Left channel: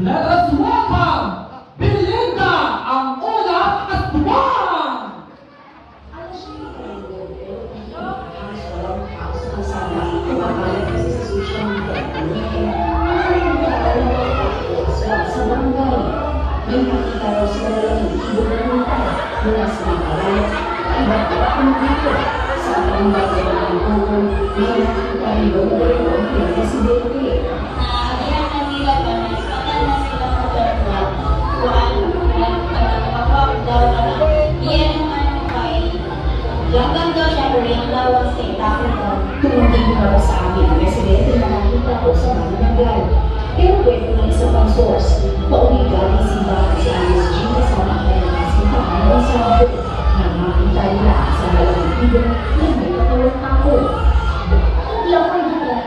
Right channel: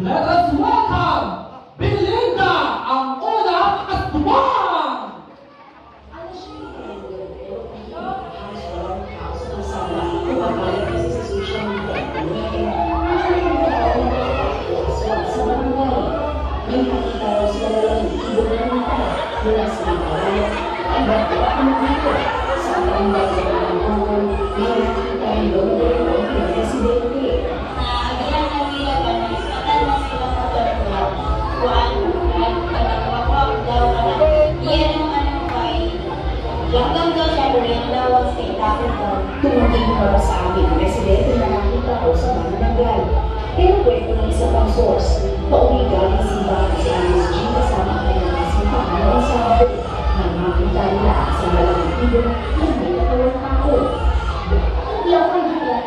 Let us welcome Belinda, ang unang aswang! Tumungin para sa amin, residente na nakita ko sa Manila. Pero pwede na isa pang source, pauwi galing sila sa USG sa mga simbahan ng Sabado na makita nila sa malamang ibon na may katawang tao. Hindi ako ibulat.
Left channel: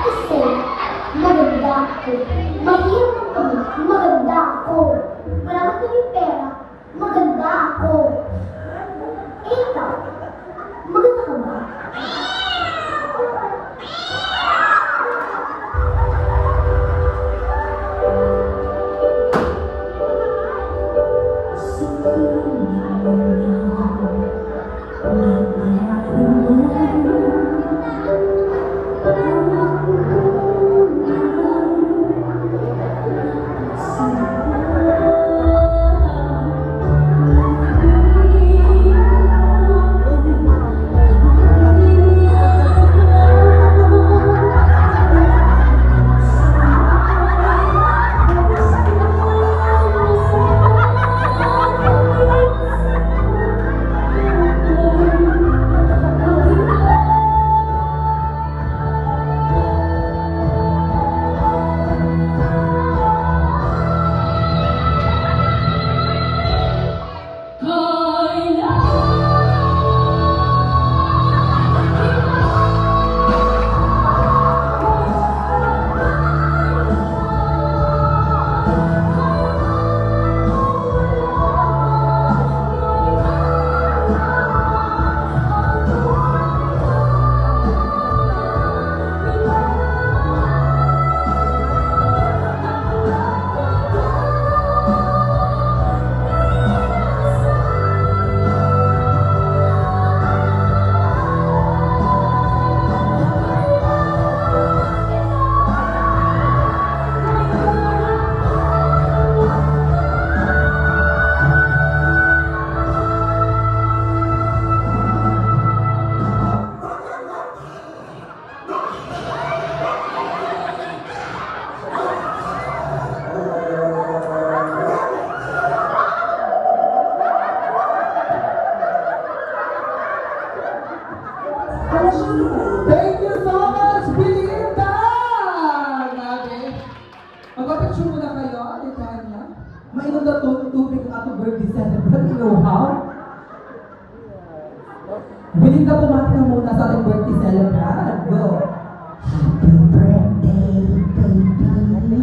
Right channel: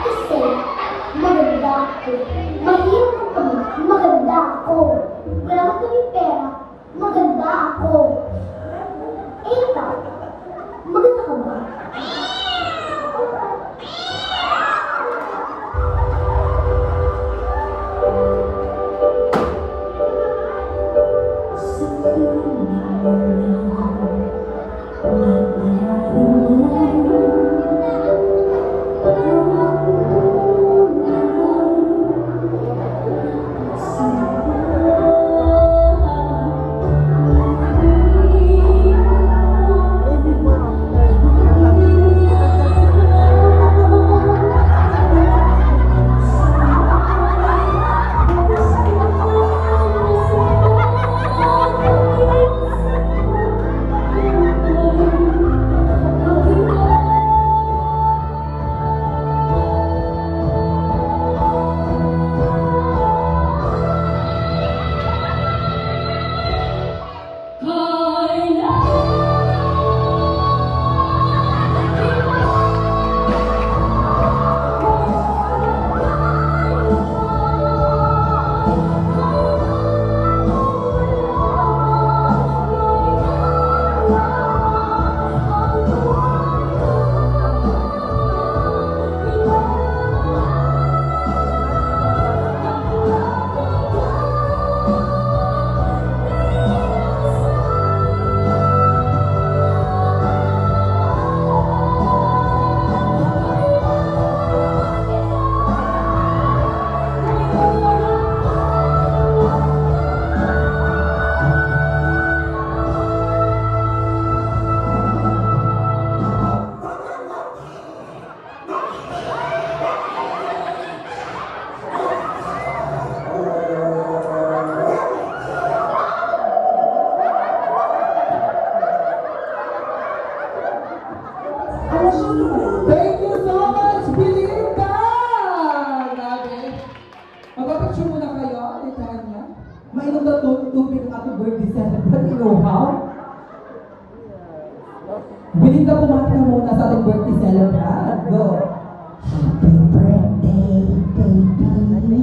Kasi maganda ako. Mahirap kami, maganda ako. Wala ka kami pera, maganda ako. Eh ikaw, maganda ka ba? Thank you so much, Belinda! Grabe. Magpapicture muna kayo, alikahan na. Mainom na tubig ato birthday celebrant, you know how? Belinda, pumati ka muna sa ating birthday celebrant. Go! Happy birthday, baby.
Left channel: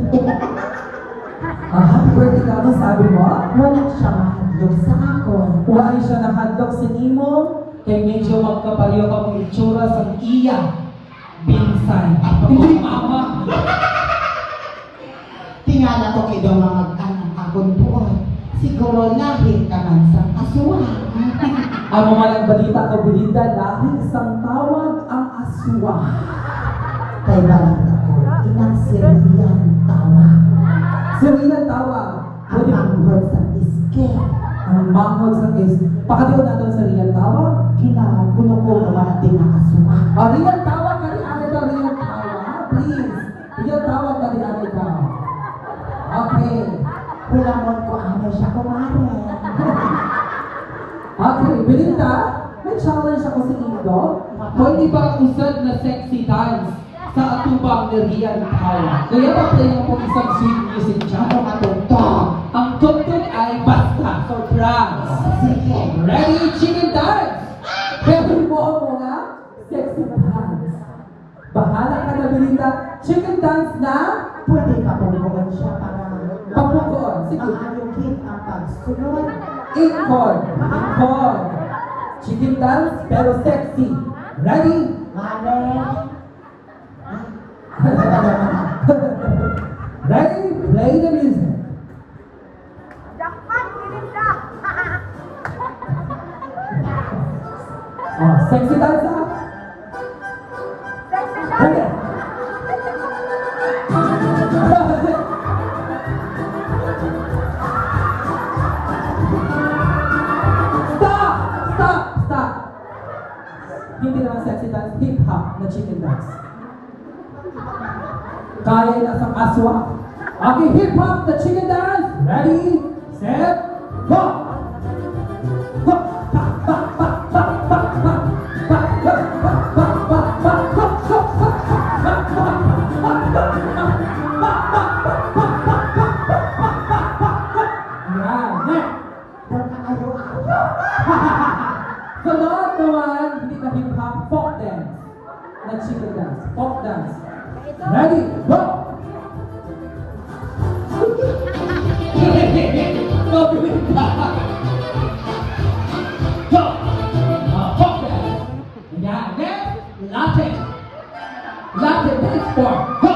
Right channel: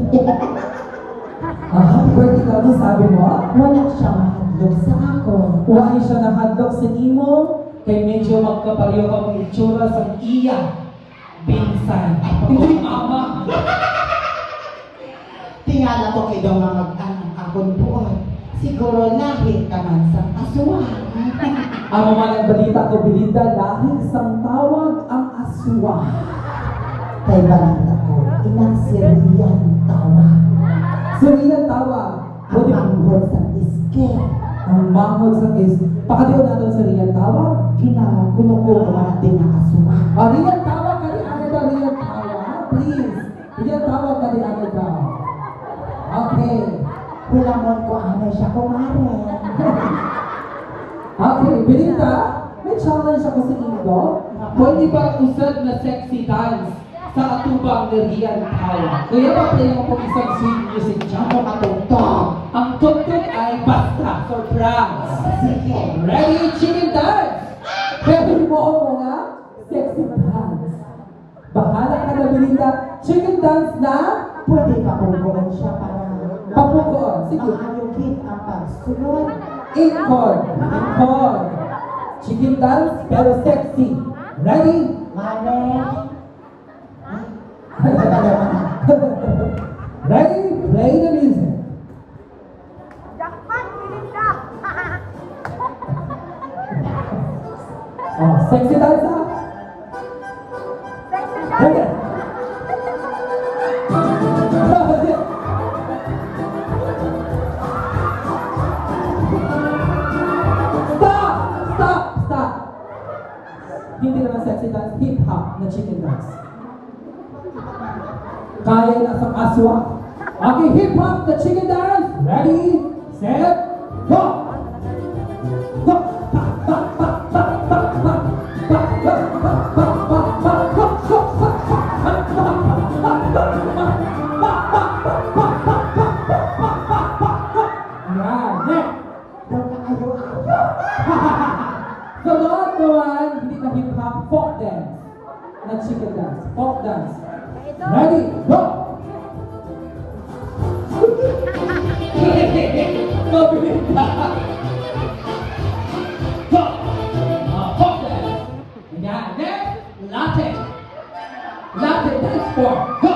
Happy birthday ka, ano sabi mo? Wala siya mahadlok sa ako. Wala siya nakadlok sa imo, kay medyo magkapariyo ka mong itsura sa iya. Binsan. Hindi mama. Tingala ko kayo mga mag-anak akong buwan. Siguro lahir ka man sa asuhan. Ang mga nagbalita ko, Belinda, dahil isang tawag ang aswang. Kay balita ko, inang siriyan tawa. Siriyan tawag. Ang manghod sa iske. Ang manghod sa is. Pakadiw natin sa Riyan tawag. Kinagulo ko naman din ang asuhan. Riyan tawag ka rin agad ang Riyan tawag. Please. Riyan tawag ka rin agad ka. Okay. Kulamon ko ano siya kumare. Okay, Belinda, may challenge ako sa Indo. Pwede ba usad na sexy dance sa atubang ni Riyan tawag? Kaya pa play mo po isang sweet music dyan. Ano matutong? Ang tugtog ay basta surprise. Sige. Ready, chicken dance! Pero mo ako mga sexy dance. Bahala ka na, Belinda. Chicken dance na Pwede ka punggungan siya para papukoon. Sige. maayugin ang pagsunod. Incon. Incon. Chicken dance pero sexy. Ready? Mare. Ready? Play. Sexy dance ah. Okay. Stop! Stop! Stop! Hindi naman sexy dance, hip-hop na chicken dance. Kaya na sa aswa. Okay, hip-hop na chicken dance. Ready, set, go! Go! Pa, pa, pa, pa, pa, pa, pa, pa, pa, pa, pa, pa, go, go, go, yan, next! Sunod naman, hindi na hip-hop, folk dance. Na chicken dance, folk dance. Ready, go! Mabilis ka! Go! Folk dance. Yan, next, Latin. Latin dance form, go!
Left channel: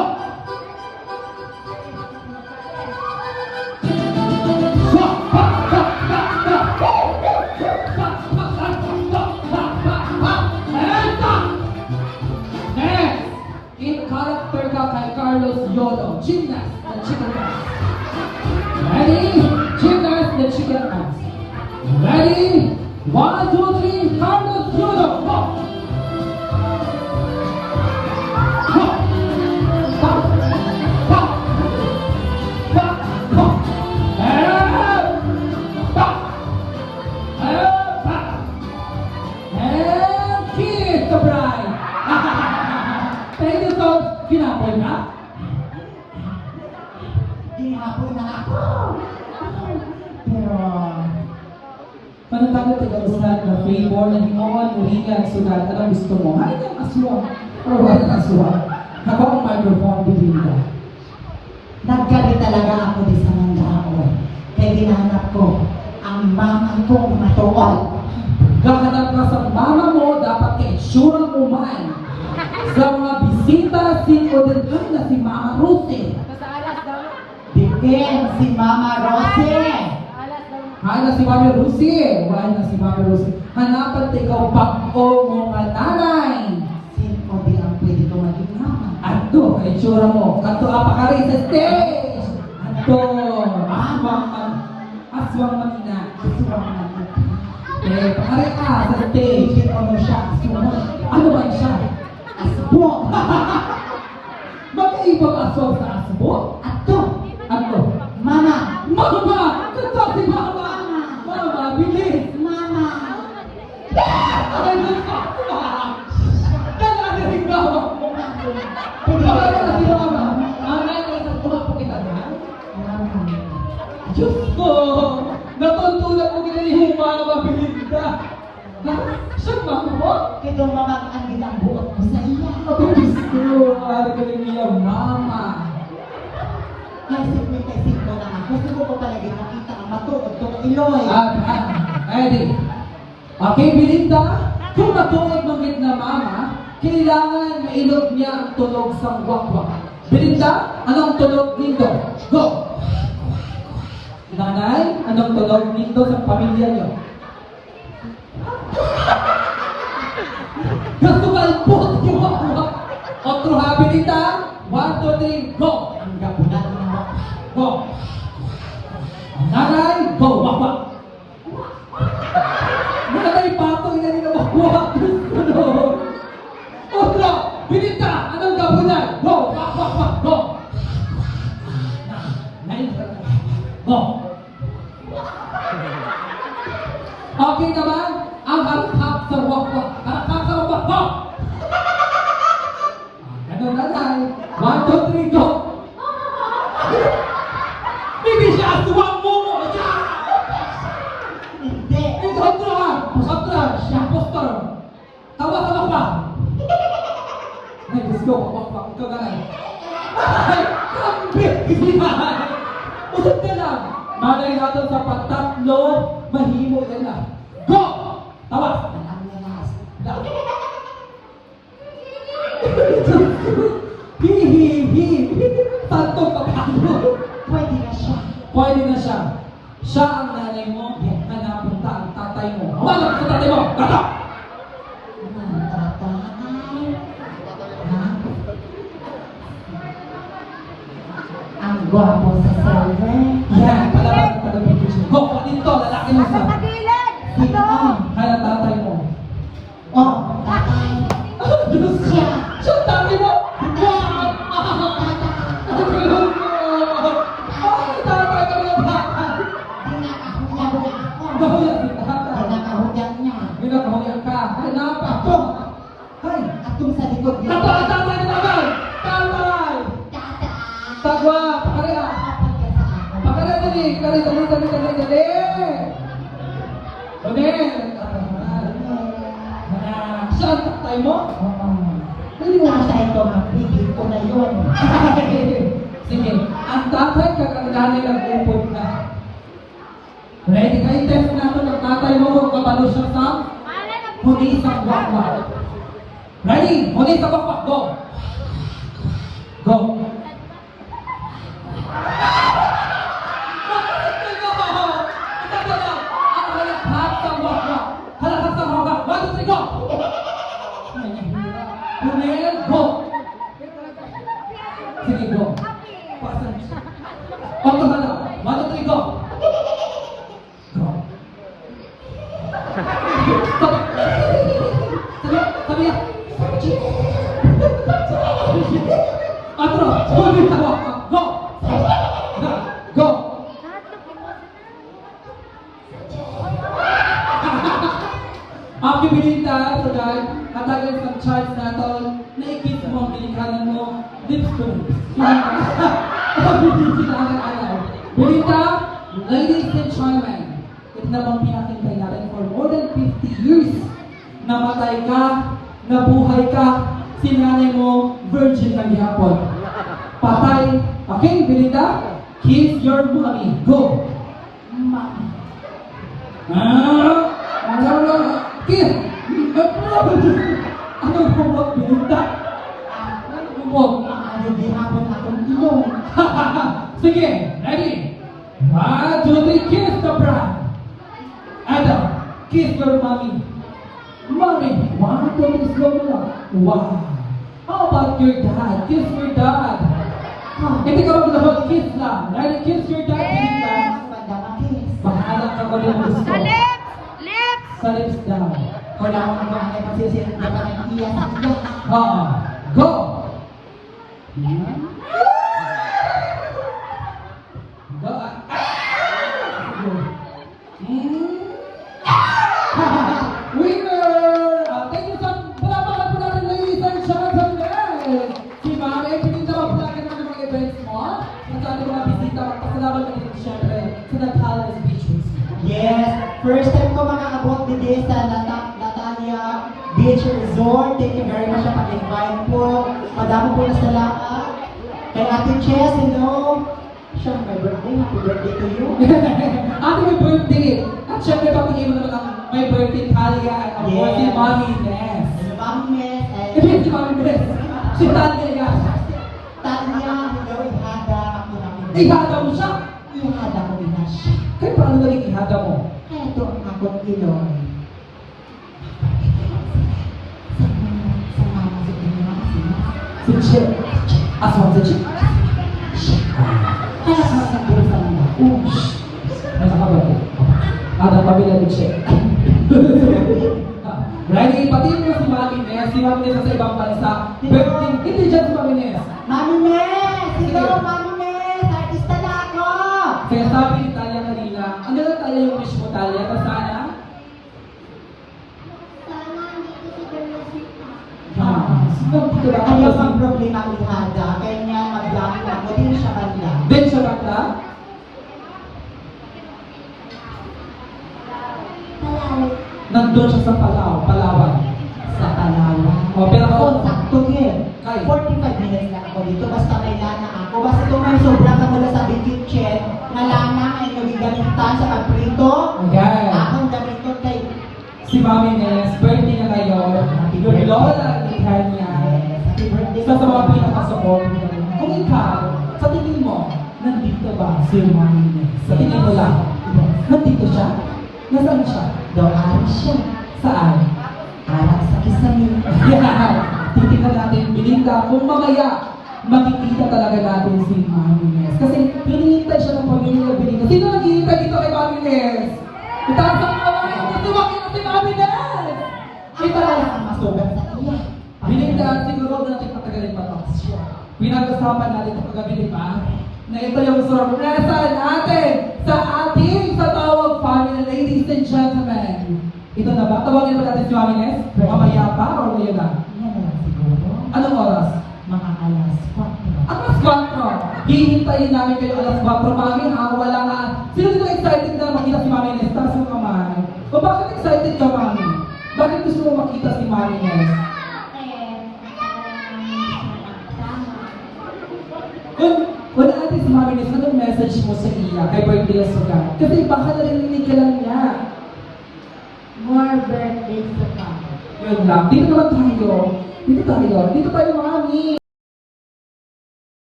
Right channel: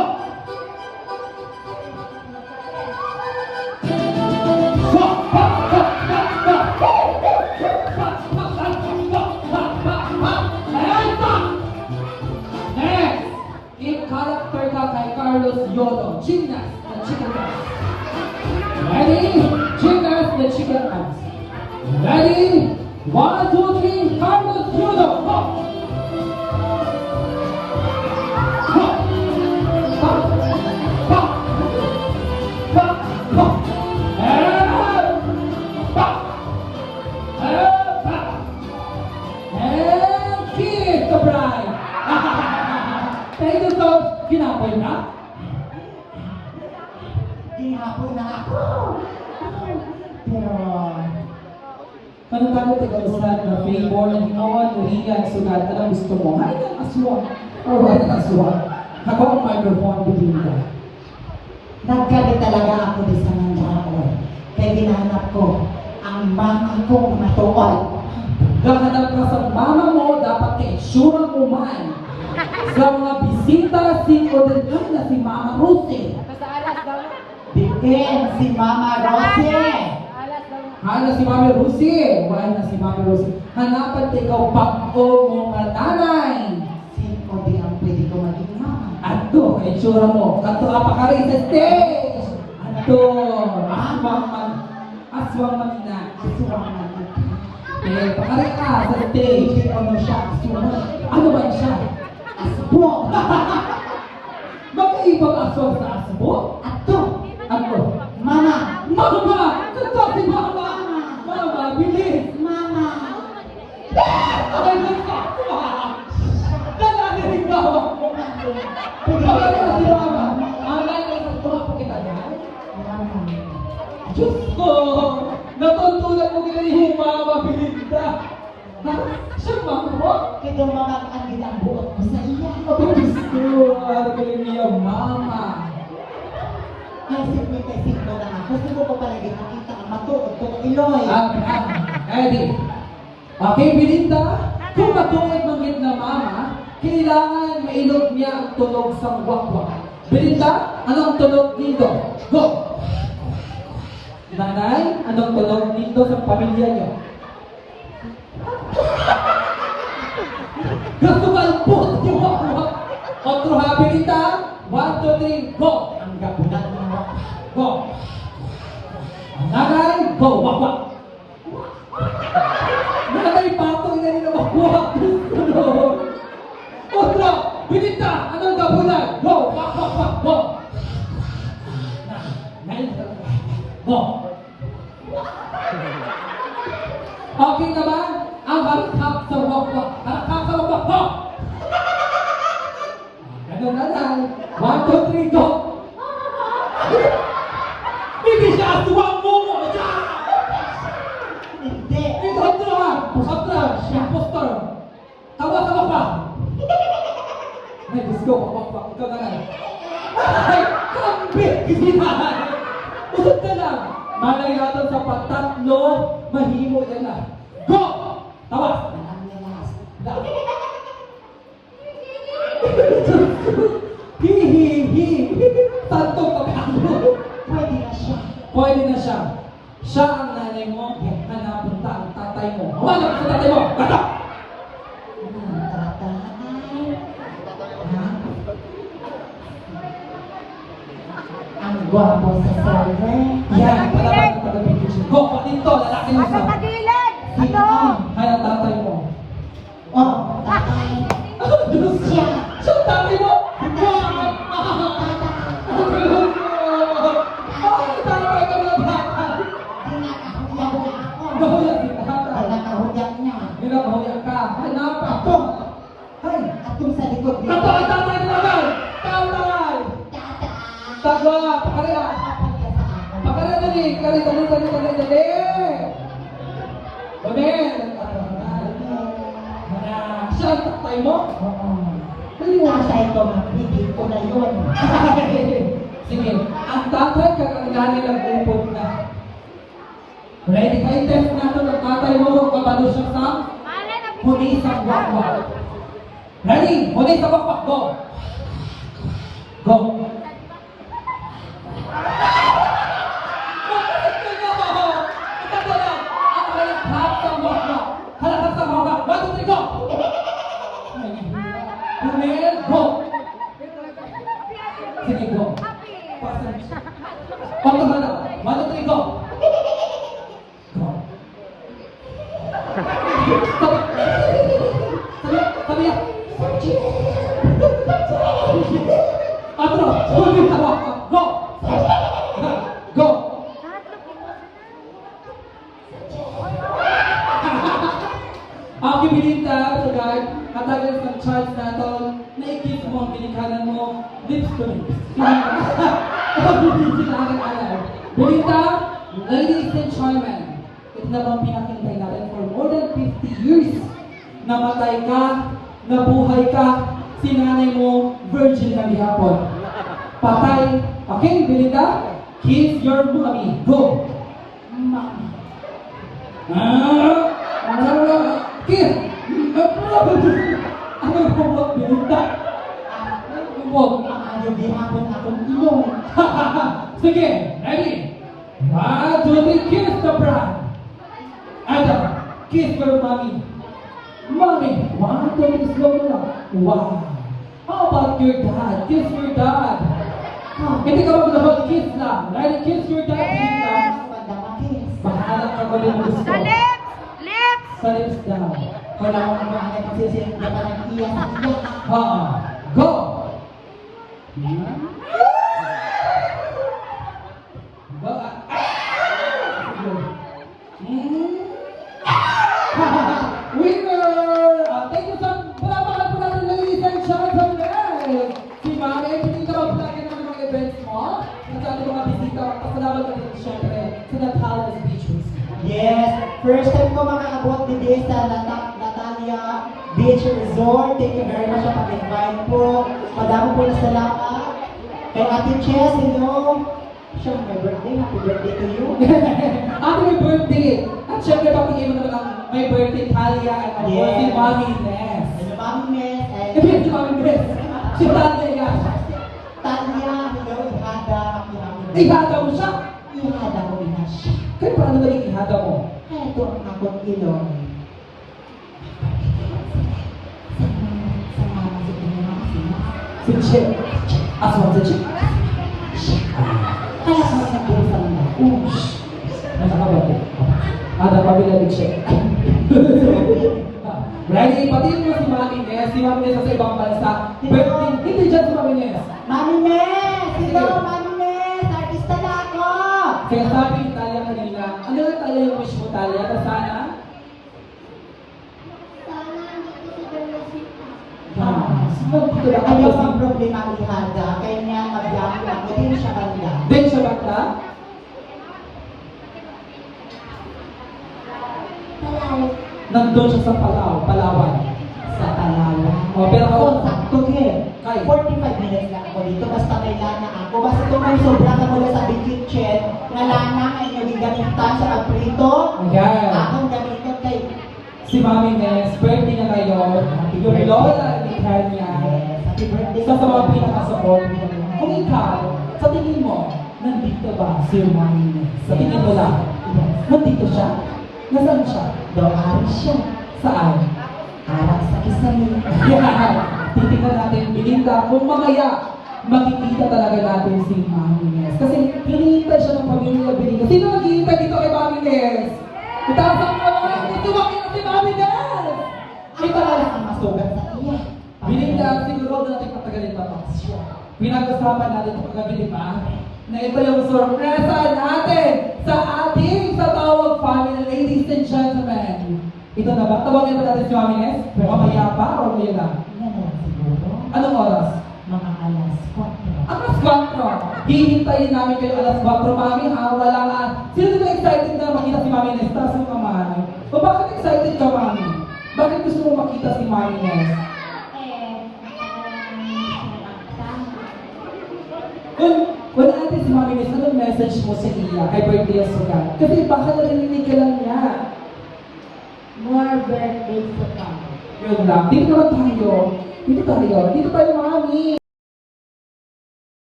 Next, in character ka kay Carlos Yodo, gymnast na chicken dance. Ready? Gymnast na chicken dance. Ready? 1, 2, 3, Carlos Yodo, go! Go! Go! Go! Go! Go! And stop! And stop! And finish the bride! Thank you so much. Kinapoy na? Gihapon na ako. Pero, Panatagod tayo ulat na favor na hinoon ulingan sulat na lang gusto mo. Hay ang aswang. Or wala ang aswang. Haba ang microphone bigyan ka. naggalit talaga ako di sa mga tao. Kaya ginanap ko ang mama kong matuwal. Gahanap ka sa mama mo, dapat kay sure mo man. Sa mga bisita, si Odelan na si Mama Ruthie. Dikin si Mama Rosie. Hay na si Mama Ruthie. Wala na si Mama Ruthie. Hanapan tayo ikaw pag-o mo nga nanay. Sino di ang pwede ko maging mama? Ato, ay sure mo. Kato apakari sa stage. Ato, aswang man na. Eh, pakari ka sa stage. Hindi ko siya. Ano ba siya? Asbo. Magkaibang aswang sa asbo? Ato. Ato. Mama. Mama! Ito si Mama! Mama, bilis! Mama. Ay, di ka! Kailangan si Mama! Kailangan si Mama! Mama, ito tumapo kita na. Diyos ko! Natultulan mo kaya yung Mama, bilis ka! Ha? Siya Mama mo? Kaya mama ang ginang buot ko sa iyo. Diyos ko! Ari ka rin niya, Mama! Kasi ko na ako. Gusto ko talaga nakita ang matulog ko ng Iloy. Eddie. Okay, Belinda, kung matulog ng na Mama, kailangan mailog niya ang tulog sa wakwak. Belinda, anong tulog nito? Go! Nanay, anong tulog nito sa pamilya niyo? Gusto ka ipot yung wakwak. Otro ha, Belinda? 1, 2, 3, go! Ang gabunan mo. Go! Nanay, go! Wakwak! Nanay, patong na nila wakwak! Otro! Belinda, anong gabunan? Go! Wak, wak, wak, go! Go! Okay naman, ang harap sa wakwak. Harap sa wakwak, go! Ano nanay? 1, 2, 3, go! Hindi siya aswang mo! Hindi. Ito, otro ha! Otro, siya, poster! Tawa-tawa ka! Ay, let's go! Wakwak, ikaw na lang! Ay, kambit! Gisihan! Usap ka lang! Malay natin sa patatlo, mahimo ka na. Go! Tawa! Ang lamas. Hihihi! Tanto pagkano! Pwede na siya. Pwede na siya. Siya ang nanay mo, hanapunta ang tatay mo. Walang sa tatay mo! Bato! gwapo sa survey. Yan, palaban na pala picture. Go, dito, lalaki mo sa. Sino? Kaya tatay mo. Oh, tatay. Siya. Siya, tatay mo? Hindi. Ay, tatay ka na bata. Nahuyan si tatay. Nakahudyak niya. Ginagahuyan ka. Ay, napato. Ay, Atong sa likod niya. ito ang tatay nila gan. Tatay. Tagwa, pakarela. Pakarela dali. Dali. Siya ang tatay mo? Oo. Dali mo. Tatay ko, mapigil ko na yun. Sige, ang tatay kakanggaling ang upod ka. Ready kayo? Test natin ang tatay mo kung kapalo siya sa huli sa wakwak. Ready? Huli sa wakwak. Go! Go! Go! Sige, go. Konto na lang. 1, 2, 3, go. Go. Sabi yan. Atro, huli sa wakwak. Go. Go. Ang kibilita sa guys, katagal sa charts na ito, naikit mo ang pilikanan mo, lips to lips. Bilita, ladies and gentlemen, ito na bang pinakintay natin for more than 50 years. Namatay ka, nabuhay ka, sinanay mo, virgin ka gihapon. Patay, okay, Bilita, kiss your mommy, go! Kiss! Ano bumot, Bilita? Ano bumot? Ano ginapon akong ilong? Sige, ready? 1, 2, 3, kiss the bride. Adam, kiss your mommy. Mommy, 1, 2, 3, slow mo lang. Wow. How about your dad? Kiss your dad. Hindi ka mag-hold, kiss lang. Ready, kiss your dad, Bilita. Mahanap ka ba yung gusto? Sa lips! Lips! Sa lips daw. Wala akong mga pasisilip na parang iya sa iya. Go! Winner! Thank you sa palapakan po natin, ladies and gentlemen! Si Ma'am, pinita mo po natin ang mga events mo. At sa ating mga bisita, kasalamat natin siyempre sa Natalia Beach Resort. Yes, first time ko makakabot din sa Natalia Beach Resort. Thank you very much sa pag-invite po. Madami po na salamat. Kay Ate Chess, hello. Siya, my birthday. Happy birthday to you. Ate, may birthday! At syempre, papigay mo naman ang my birthday, Talia, at ang Yes. si Mommy Ness. And Mami Ness and Ito yung si Mommy Ness. Si Talia. Tanya, hello, Ihada. Ihada mo siya? Ihada ko din na siya. Kaya paano naging ihada mo? Ito ang akong ilong. Si Chip. Aswan si Chip. Kaya sa mga sa mga. Nasa ka ba? Ada pamilya ni Chip. Ready? Pati niyo si Mami Ness. Si Mami Ness sa ibang bansa. Birthday. Hindi dyan si Mami Ness. Mami Ness! Hello, Mami Ness! Artista na ako! Kaya sabi ni Talia kanina, ano lang Talia yung wish mo, Talia? Na sana? Sana dito sa Bernisita. Sino dito na Ayaw ako? ang problema ang Ihada. Kaya niya mag-block ako din siya kanila. Din siya bakla? Palaw. Nandun siya sa Palawan. Sa Palawan. O, pero ako, Oh, sakto din. Kay. 45 minutes lang ako dito. Basta may lana ako. Basta kung may sobra ka mula sa big kitchen, na lana ay nagigamitan sa pagprito. Ayan. Akong gamito kay Si Mami Ness, birthday na ngayon. Yung lola ni Tanya. Happy birthday. Isa sa mga pinaka-support mo. Kung ikaw, sa tingin mo, nandito ba si Mami Ness? Sa tingin mo lang, nandito siya? Nasaan siya? Doon siya. Saan? Parang sa kisame. Yeah. Titignan natin, Belinda, kung mamaya makikita talaga natin si Mami Nes. Kasi hinihintay siya ng pamilya Benito. Sino naghihintay dito kay Mami Nes? Itaas ang kamay kung gusto makita si Mami Nes! Kita lang ang masugat sa iya. Binigyan siguro natin patagalin pa siya. Pinag-usapan natin sa paggabi, di ba? Na ito yung sorpresa natin sa ating sa tawag family, ladies and gentlemen. Ito na ba? Tawagin ba natin si Mami Nes? Mamaya pa o ngayon na? Anong oras? Mga alas 4. Alas 4. Hihintayin namin kayo alas 4. Mami, wala nga. Sino dito excited na makita si Mami Nes? Taas mo kamay. O bakit excited ka, Mami? Bakit gusto mo makita si Mami Nes? Kung natin si Mami Nes, anong message mo sa iya kay Birthday Sugat? Kasi baka narinig ka lang niya. More birthdays to come. Yun lang. Dito naman tayo. Dito tayo mga